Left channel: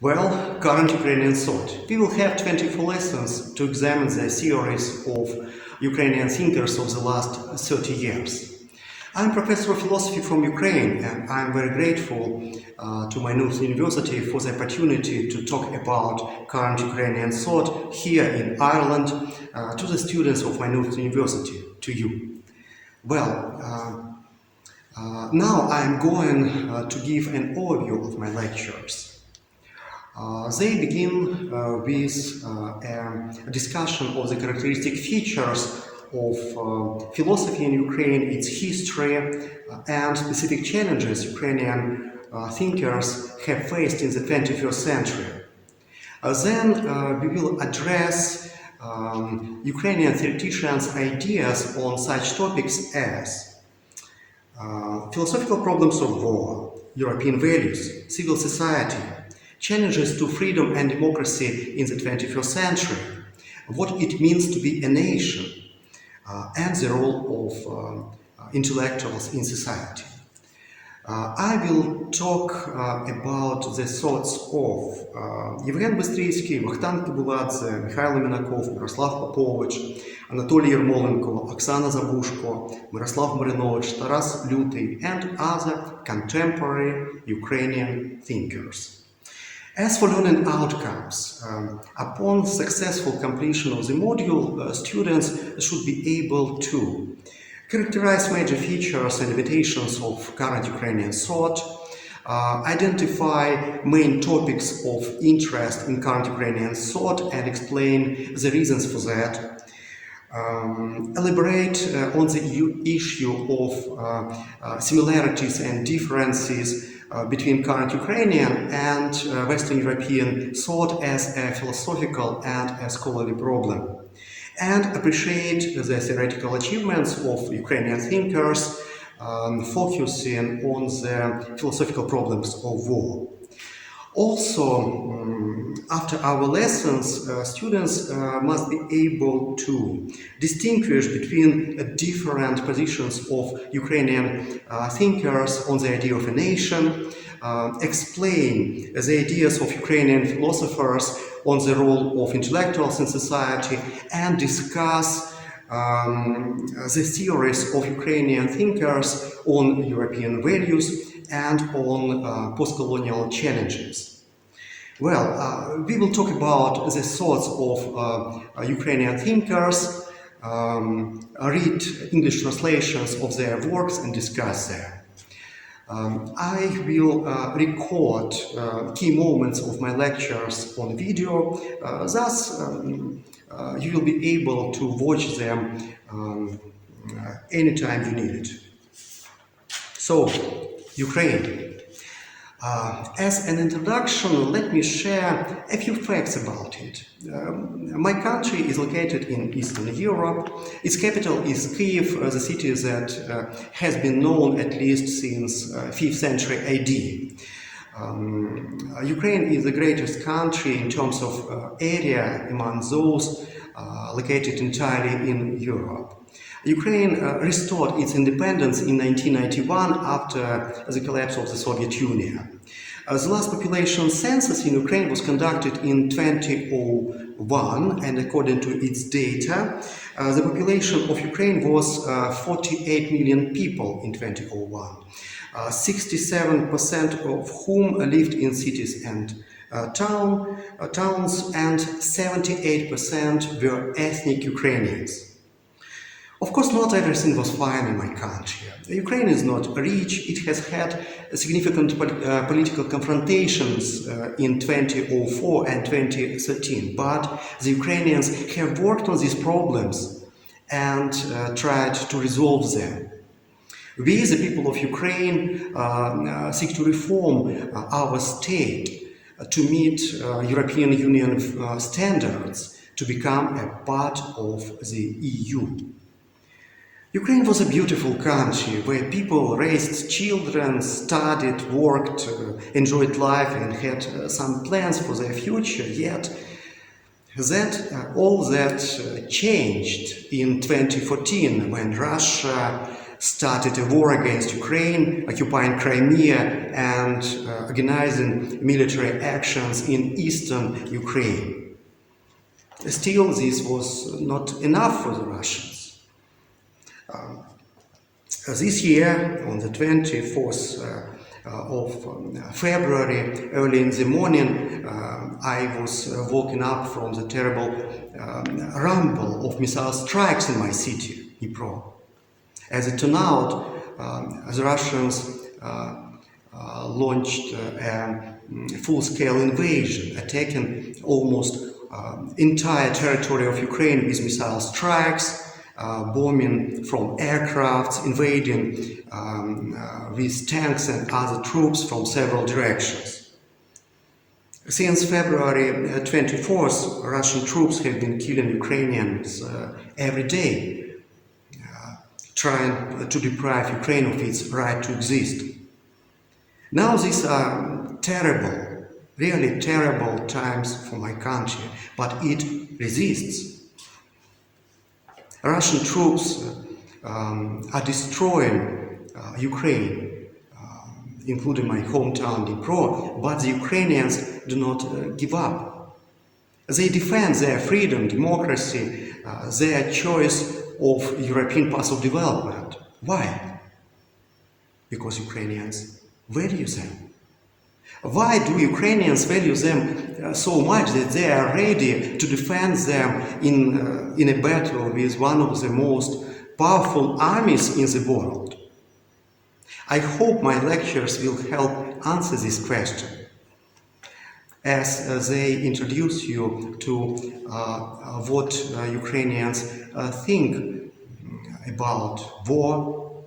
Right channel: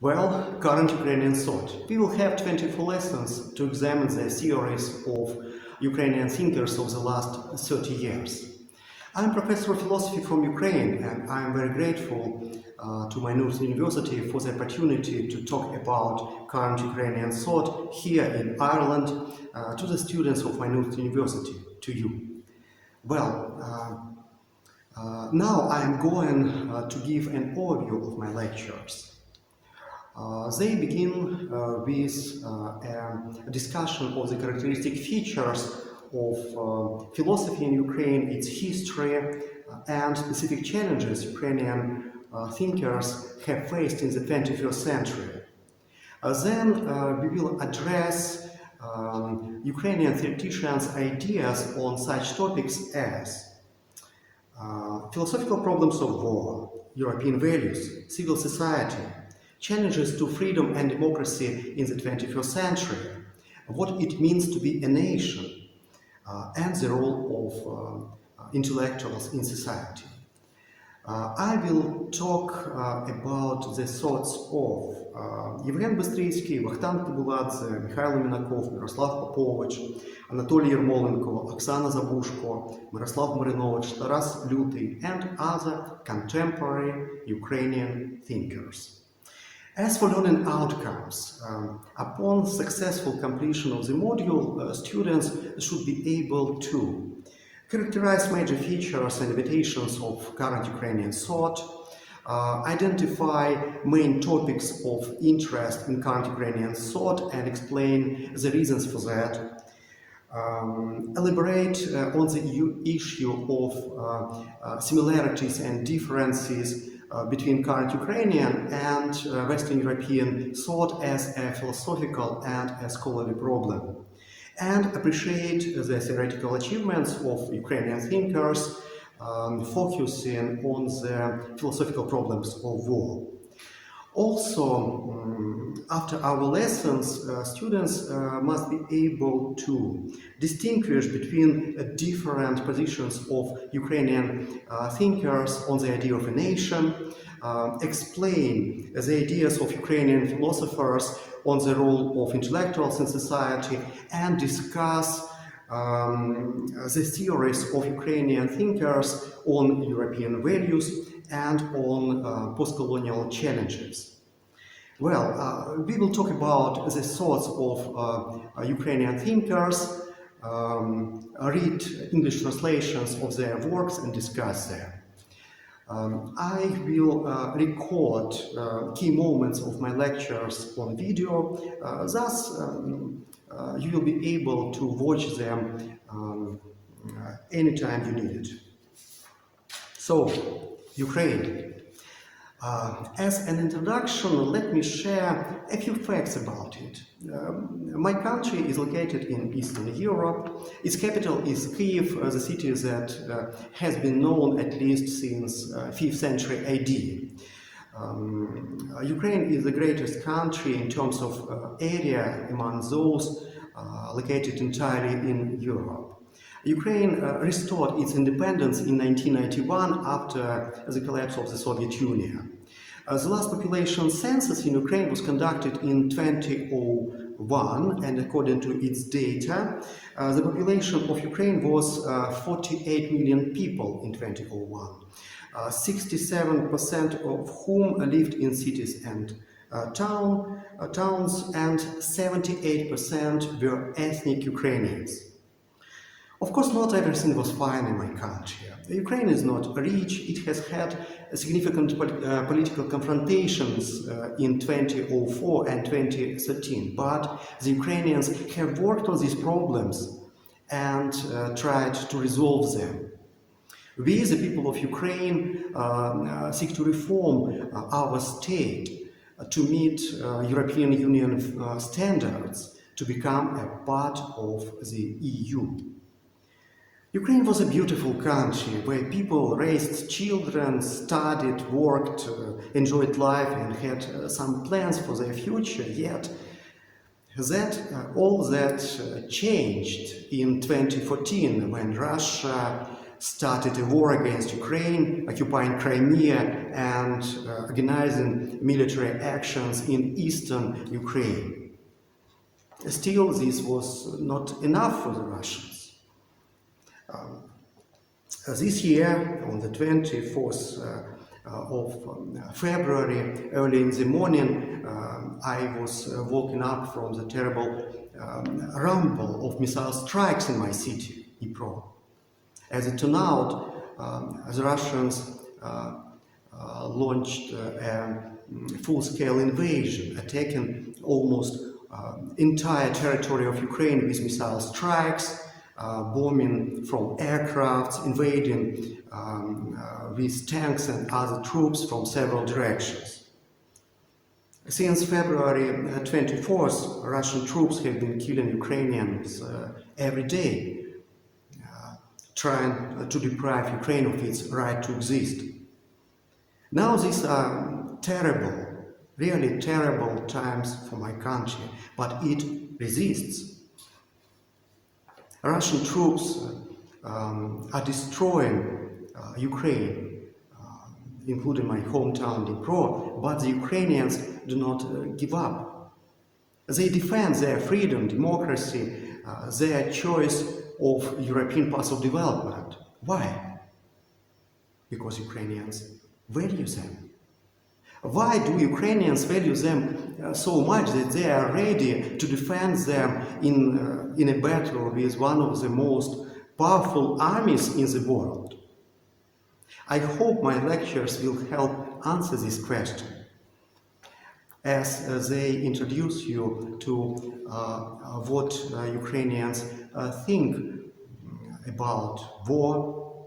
Well, current Ukrainian thought. We will have 24 lessons to examine the theories of Ukrainian thinkers of the last 30 years. I'm professor of philosophy from Ukraine, and I'm very grateful to Maynooth University for the opportunity to talk about current Ukrainian thought here in Ireland to the students of Maynooth University, to you. Well, now I'm going to give an overview of my lectures. They begin with a discussion of the characteristic features of philosophy in Ukraine, its history, and specific challenges Ukrainian thinkers have faced in the 21st century. Then we will address Ukrainian theoreticians' ideas on such topics as philosophical problems of war, European values, civil society, challenges to freedom and democracy in the 21st century, what it means to be a nation, and the role of intellectuals in society. I will talk about the thoughts of Євген Бистрицький, Вахтанг Кибуладзе, Михайло Мінаков, Мирослав Попович, Анатолій Єрмоленко, Оксана Забушко, Мирослав Маринович, Taras Lutый, and other contemporary Ukrainian thinkers. As for learning outcomes, upon successful completion of the module, students should be able to characterize major features and limitations of current Ukrainian thought, identify main topics of interest in current Ukrainian thought and explain the reasons for that, elaborate on the issue of similarities and differences between current Ukrainian and Western European thought as a philosophical and a scholarly problem, and appreciate the theoretical achievements of Ukrainian thinkers, focusing on the philosophical problems of war. Also, after our lessons, students must be able to distinguish between different positions of Ukrainian thinkers on the idea of a nation, explain the ideas of Ukrainian philosophers on the role of intellectuals in society, and discuss the theories of Ukrainian thinkers on European values and on post-colonial challenges. Well, we will talk about the thoughts of Ukrainian thinkers, read English translations of their works and discuss them. I will record key moments of my lectures on video, thus you will be able to watch them anytime you need it. So, Ukraine. As an introduction, let me share a few facts about it. My country is located in Eastern Europe. Its capital is Kyiv, the city that has been known at least since 5th century AD. Ukraine is the greatest country in terms of area among those located entirely in Europe. Ukraine restored its independence in 1991 after the collapse of the Soviet Union. The last population census in Ukraine was conducted in 2001, and according to its data, the population of Ukraine was 48 million people in 2001, 67% of whom lived in cities and towns, and 78% were ethnic Ukrainians. Of course, not everything was fine in my country. Ukraine is not rich. It has had significant political confrontations in 2004 and 2013, but the Ukrainians have worked on these problems and tried to resolve them. We, the people of Ukraine, seek to reform our state to meet European Union standards to become a part of the EU. Ukraine was a beautiful country where people raised children, studied, worked, enjoyed life and had some plans for their future, yet all that changed in 2014 when Russia started a war against Ukraine, occupying Crimea and organizing military actions in eastern Ukraine. Still, this was not enough for the Russians. This year, on the 24th of February, early in the morning, I was woken up from the terrible rumble of missile strikes in my city, Dnipro. As it turned out, the Russians launched a full-scale invasion, attacking almost entire territory of Ukraine with missile strikes, bombing from aircrafts, invading with tanks and other troops from several directions. Since February 24th, Russian troops have been killing Ukrainians every day, trying to deprive Ukraine of its right to exist. Now these are terrible, really terrible times for my country, but it resists. Russian troops are destroying Ukraine, including my hometown Dnipro, but the Ukrainians do not give up. They defend their freedom, democracy, their choice of European path of development. Why? Because Ukrainians value them. Why do Ukrainians value them so much that they are ready to defend them in a battle with one of the most powerful armies in the world? I hope my lectures will help answer this question, as they introduce you to what Ukrainians think about war,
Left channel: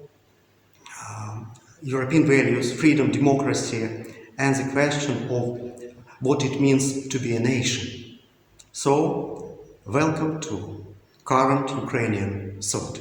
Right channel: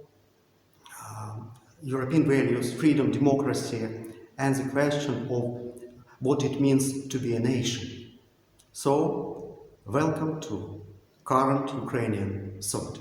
European values, freedom, democracy, and the question of what it means to be a nation. So, welcome to Current Ukrainian Thought.